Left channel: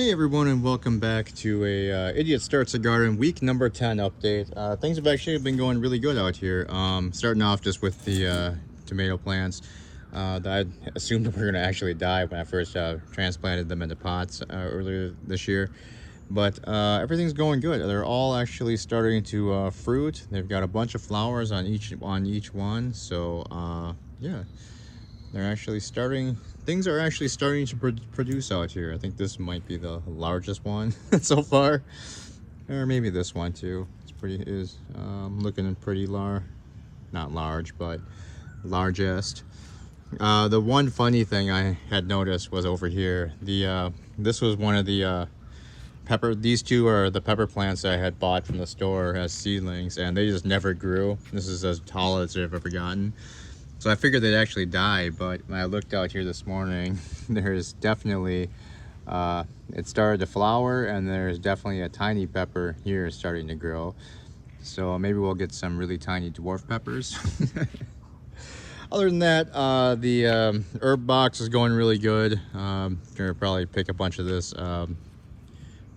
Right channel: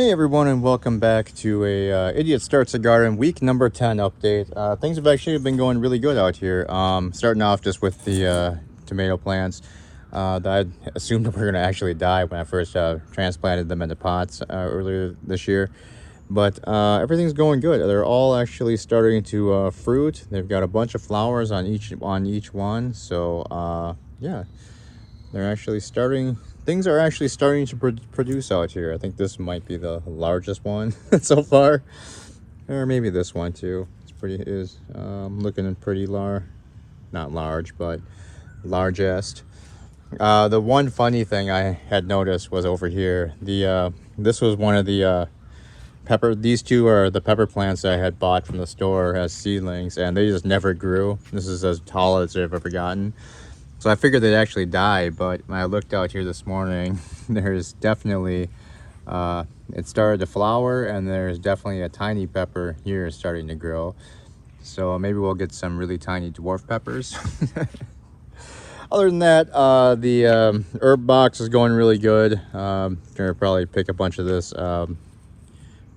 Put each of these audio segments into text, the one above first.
Hey everyone, and welcome back to a Idiot Starts a Garden week number 10 update. Things have actually been going really good out here. Starting off just with the tomato plants that I assumed were going to actually die when I first transplanted them into pots earlier this year. But everything's going good. They're all actually starting to fruit. They've got a bunch of flowers on each one. So yeah, they're actually starting. Things are actually starting to produce out here. I think this might be the largest one so far, or maybe this one too. It's pretty looking pretty large, not large, but largest. The one funny thing I had noticed was over here. This was one of the pepper. These two are the pepper plants I had bought from the store as seedlings, and they just never grew. This is as tall as they've ever gotten. So I figured they'd actually die, but when I looked out here this morning, there's definitely, it started to flower, and there's definitely a tiny pepper here starting to grow. So maybe we'll get some really tiny dwarf peppers. Other than that, the herb box is going really good. Gonna probably pick a bunch of this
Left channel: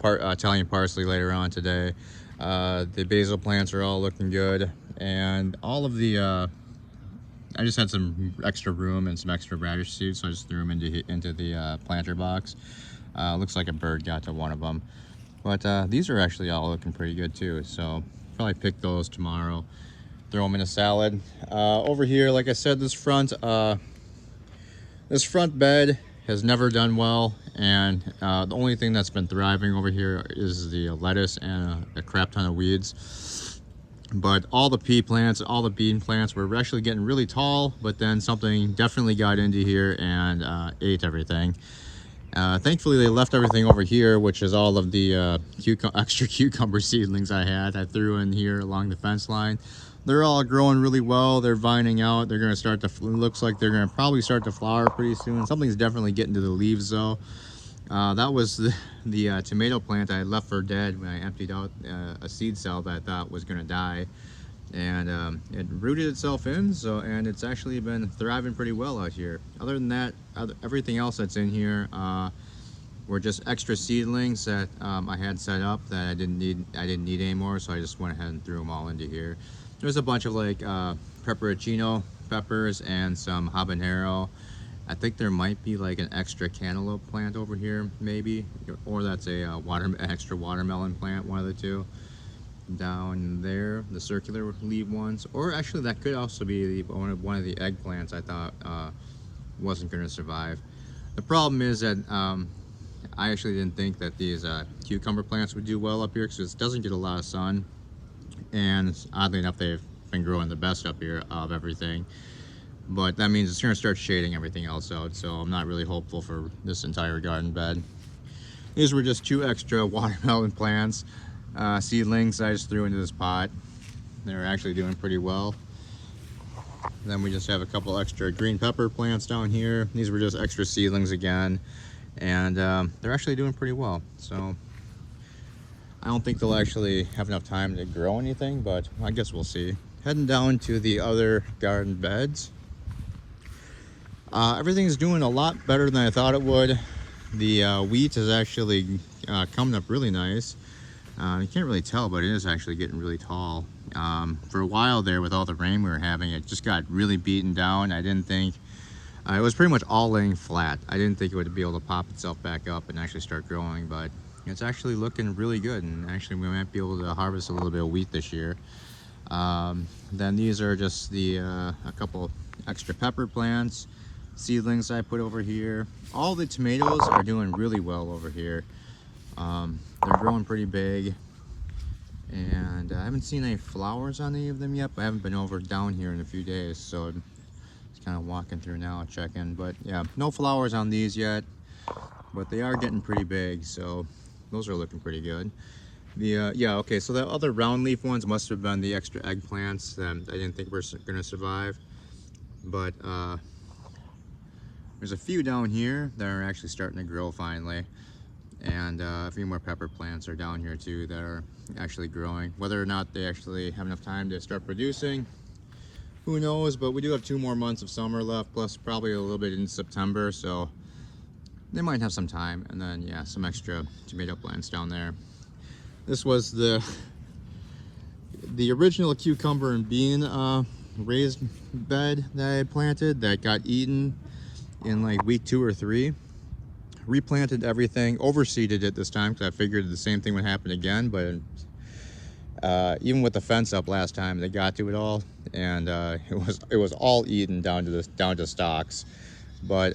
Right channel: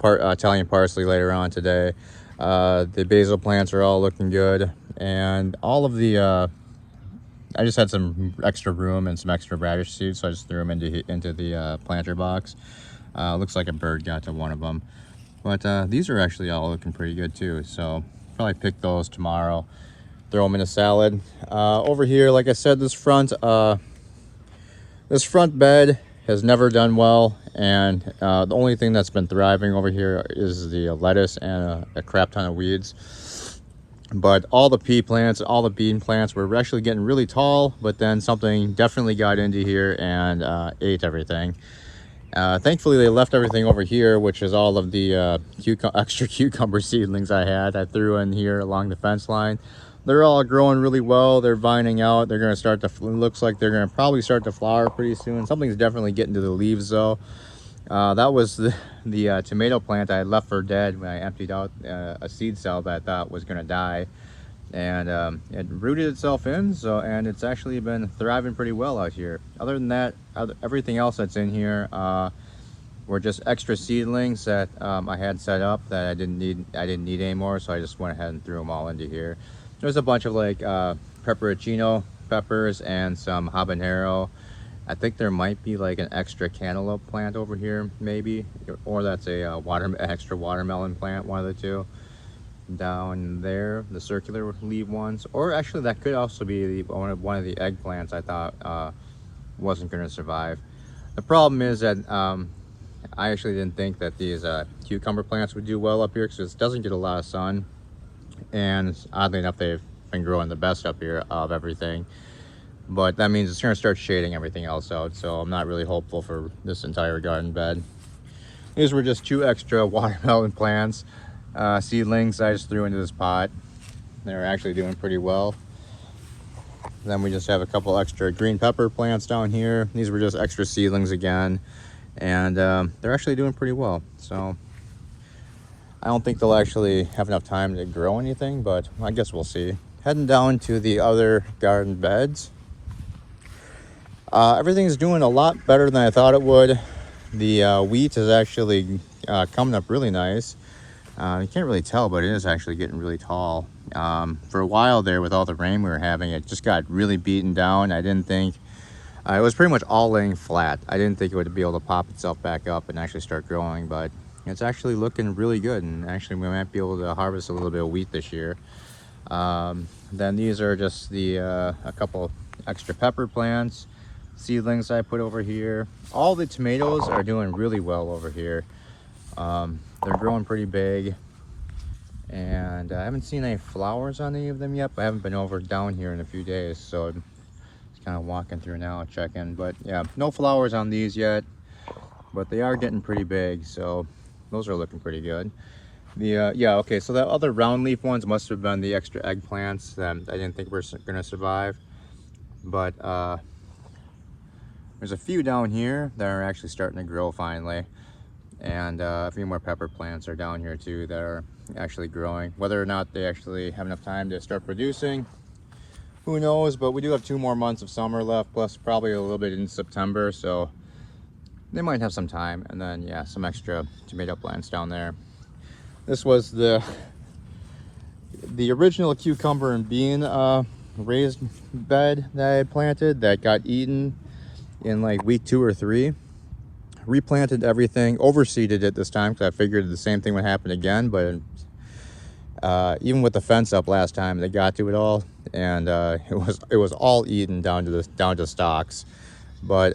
Italian parsley later on today. The basil plants are all looking good, and all of the I just had some extra room and some extra radish seeds, so I just threw them into the planter box. Looks like a bird got to one of them. But these are actually all looking pretty good too, so probably pick those tomorrow. Throw them in a salad. Over here, like I said, this front bed has never done well, and the only thing that's been thriving over here is the lettuce and a crap ton of weeds. But all the pea plants, all the bean plants were actually getting really tall, but then something definitely got into here and ate everything. Thankfully, they left everything over here, which is all of the extra cucumber seedlings I had. I threw in here along the fence line. They're all growing really well. They're vining out. They're going to start to, looks like they're going to probably start to flower pretty soon. Something's definitely getting to the leaves though. That was the tomato plant I had left for dead when I emptied out a seed cell that I thought was going to die, and it rooted itself in, and it's actually been thriving pretty well out here. Other than that, everything else that's in here were just extra seedlings that I had set up that I didn't need anymore, so I just went ahead and threw them all into here. There's a bunch of like pepperoncino peppers and some habanero. I think there might be like an extra cantaloupe plant over here, maybe, or that's a extra watermelon plant, one of the two. Down there, the circular leaf ones, or actually that could also be one of the eggplants I thought wasn't going to survive. The problem is that I actually didn't think that these cucumber plants would do well up here because it doesn't get a lot of sun, and oddly enough, they've been growing the best up here of everything. But that means it's going to start shading everything else out, so I'm not really hopeful for this entire garden bed. These were just two extra watermelon plants, seedlings I just threw into this pot. They're actually doing pretty well. Then we just have a couple extra green pepper plants down here. These were just extra seedlings again, and they're actually doing pretty well. So I don't think they'll actually have enough time to grow anything, but I guess we'll see. Heading down to the other garden beds. Everything's doing a lot better than I thought it would. The wheat is actually coming up really nice. You can't really tell, but it is actually getting really tall. For a while there, with all the rain we were having, it just got really beaten down. I didn't think, it was pretty much all laying flat. I didn't think it would be able to pop itself back up and actually start growing, but it's actually looking really good. And actually we might be able to harvest a little bit of wheat this year. Then these are just a couple extra pepper plants, seedlings I put over here. All the tomatoes are doing really well over here. They're growing pretty big, and I haven't seen any flowers on any of them yet, but I haven't been down here in a few days, so just kind of walking through now checking. But yeah, no flowers on these yet, but they are getting pretty big, so those are looking pretty good. Yeah, okay, so that other round leaf ones must have been the extra eggplants that I didn't think were going to survive, but there's a few down here that are actually starting to grow finally, and a few more pepper plants are down here too that are actually growing. Whether or not they actually have enough time to start producing, who knows, but we do have 2 more months of summer left, plus probably a little bit in September, so they might have some time. And then yeah, some extra tomato plants down there. This was the original cucumber and bean raised bed that I had planted that got eaten in like week 2 or 3. Replanted everything, overseeded it this time because I figured the same thing would happen again, but even with the fence up last time, they got to it all, and it was all eaten down to stalks. But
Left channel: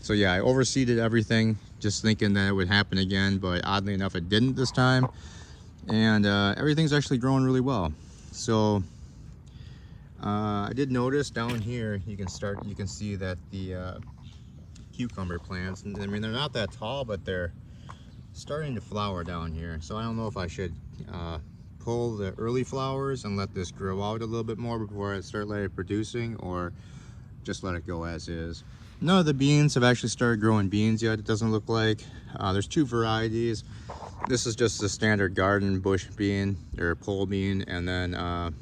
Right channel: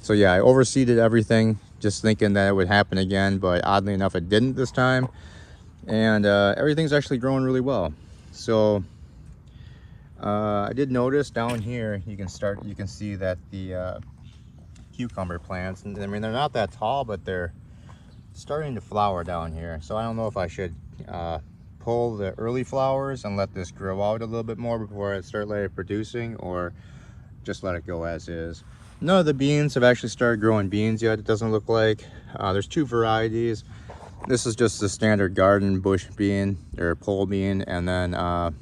so yeah, I overseeded everything, just thinking that it would happen again, but oddly enough, it didn't this time, and everything's actually growing really well. So I did notice down here, you can see that the cucumber plants, I mean, they're not that tall, but they're starting to flower down here. So I don't know if I should pull the early flowers and let this grow out a little bit more before I start letting it producing, or just let it go as is. None of the beans have actually started growing beans yet, it doesn't look like. There's 2 varieties. This is just the standard garden bush bean or pole bean, and then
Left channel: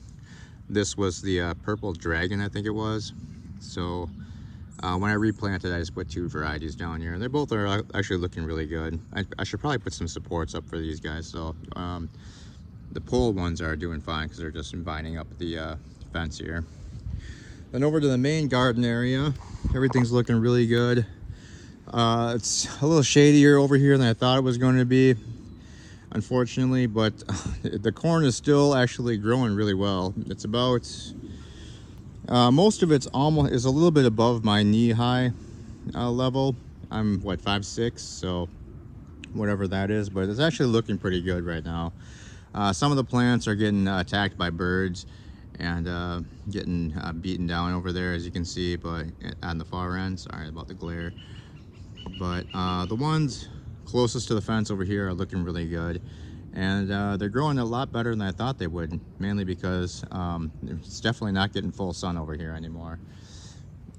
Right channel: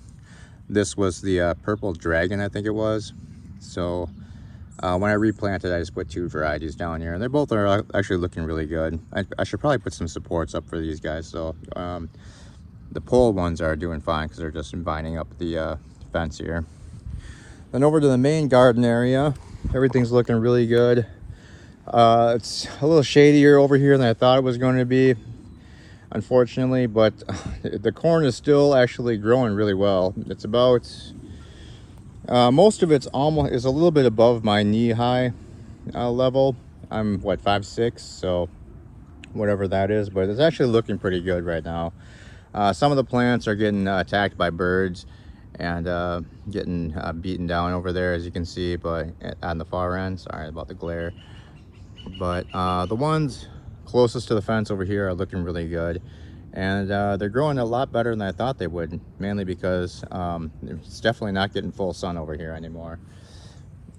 this was the purple dragon, I think it was. So when I replanted, I just put 2 varieties down here, and they both are actually looking really good. I should probably put some supports up for these guys. So the pole ones are doing fine because they're just vining up the fence here. Then over to the main garden area, everything's looking really good. It's a little shadier over here than I thought it was going to be, unfortunately, but the corn is still actually growing really well. It's about most of it's almost is a little bit above my knee-high level. I'm what, 5'6", so whatever that is, but it's actually looking pretty good right now. Some of the plants are getting attacked by birds and getting beaten down over there, as you can see, but on the far end. Sorry about the glare, but the ones closest to the fence over here are looking really good. And they're growing a lot better than I thought they would, mainly because it's definitely not getting full sun over here anymore.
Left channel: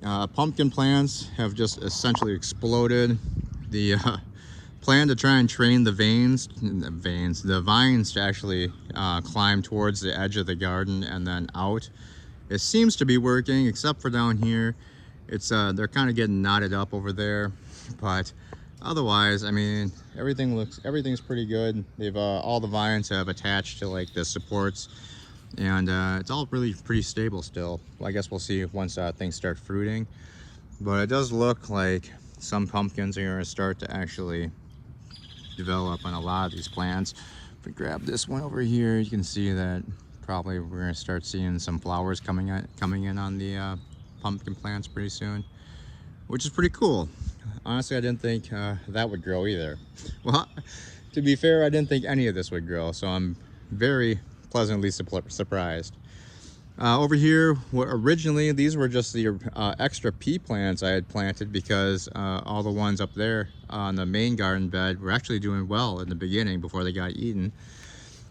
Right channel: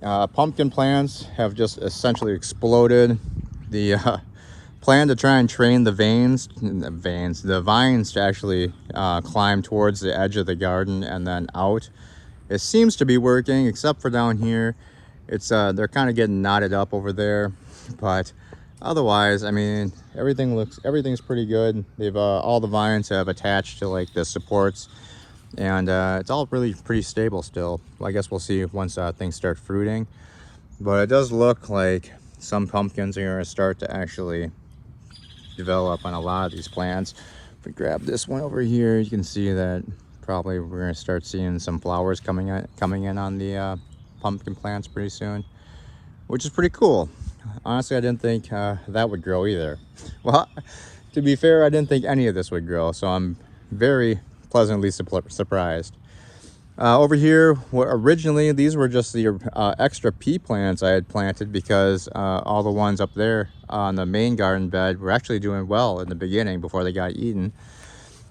Pumpkin plants have just essentially exploded. The plan to try and train the vines to actually climb towards the edge of the garden and then out. It seems to be working, except for down here. It's they're kind of getting knotted up over there, but otherwise, I mean, everything's pretty good. They've all the vines have attached to like the supports, and it's all really pretty stable still. Well, I guess we'll see once things start fruiting, but it does look like some pumpkins are going to start to actually develop on a lot of these plants. If we grab this one over here, you can see that probably we're going to start seeing some flowers coming in on the pumpkin plants pretty soon, which is pretty cool. Honestly, I didn't think that would grow either. Well, to be fair, I didn't think any of this would grow, so I'm very pleasantly surprised. Over here, originally these were just the extra pea plants I had planted, because all the ones up there on the main garden bed were actually doing well in the beginning before they got eaten.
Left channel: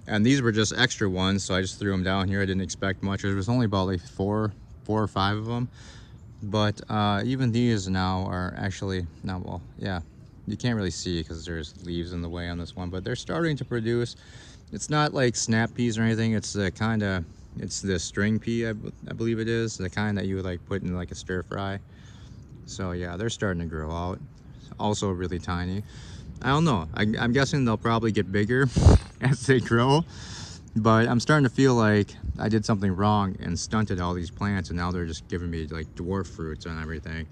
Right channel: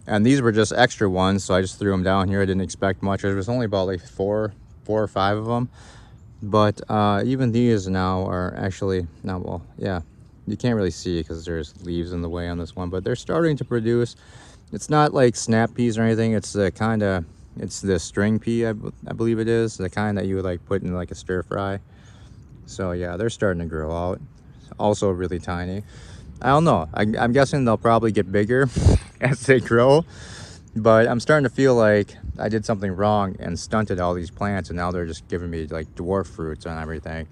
And these were just extra ones, so I just threw them down here. I didn't expect much. There was only about like four or five of them. But even these now are actually, now, well, yeah, you can't really see because there's leaves in the way on this one, but they're starting to produce. It's not like snap peas or anything. It's the kind of, it's the string pea, I believe it is, the kind that you would like put in like a stir fry. So yeah, they're starting to grow out. Also really tiny. I don't know. I'm guessing they'll probably get bigger as they grow. But I'm starting to feel like I did something wrong and stunted all these plants, and now they're just giving me like dwarf fruits and everything.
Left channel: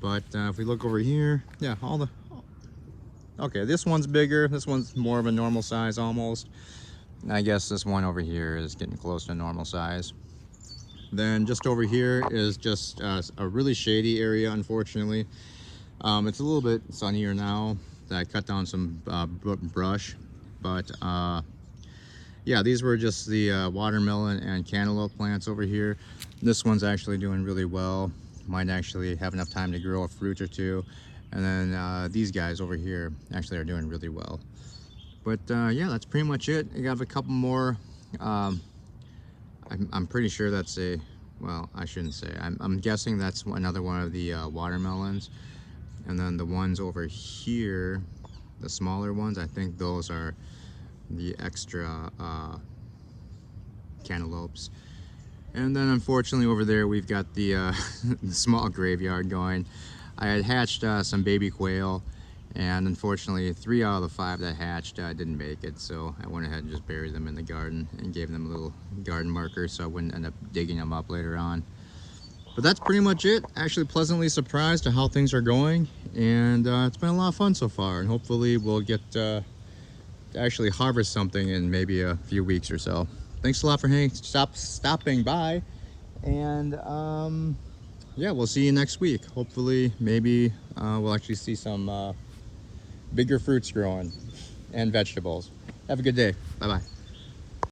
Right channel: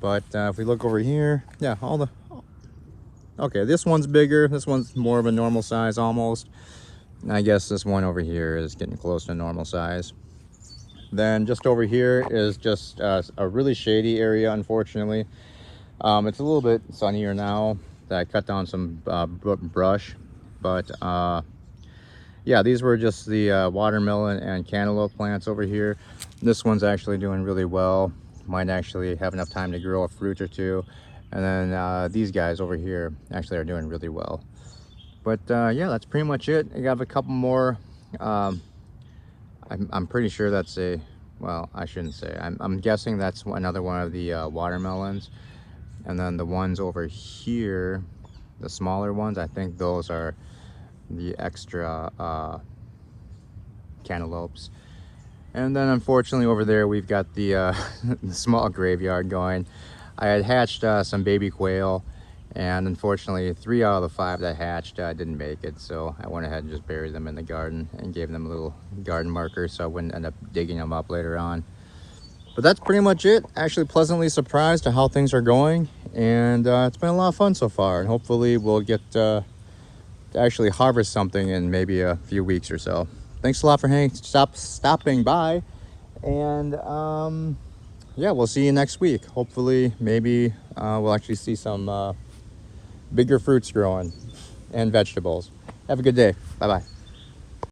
But if we look over here, yeah, okay, this one's bigger. This one's more of a normal size almost. And I guess this one over here is getting close to normal size. Then just over here is just a really shady area, unfortunately. It's a little bit sunnier now that I cut down some brush, but yeah, these were just the watermelon and cantaloupe plants over here. This one's actually doing really well. Might actually have enough time to grow a fruit or two. And then these guys over here actually are doing really well. But yeah, that's pretty much it. I have a couple more. I'm pretty sure that's a, well, I shouldn't say. I'm guessing that's another one of the watermelons. And then the ones over here, the smaller ones, I think those are the extra cantaloupes. And then unfortunately over there we've got the, the small graveyard going. I had hatched some baby quail, and unfortunately 3 out of the 5 that hatched didn't make it, so I went ahead and just buried them in the garden and gave them a little garden marker so I wouldn't end up digging them up later on. But that's pretty much it. Actually pleasantly surprised at how things are going, and it's been a lot of fun so far, and hopefully we'll get to actually harvest something in maybe a few weeks or so. Thanks a lot for stopping by, and yeah, we'll see you next week. Hopefully maybe we'll actually see some bigger fruits growing and vegetables. Have a good day. Bye bye.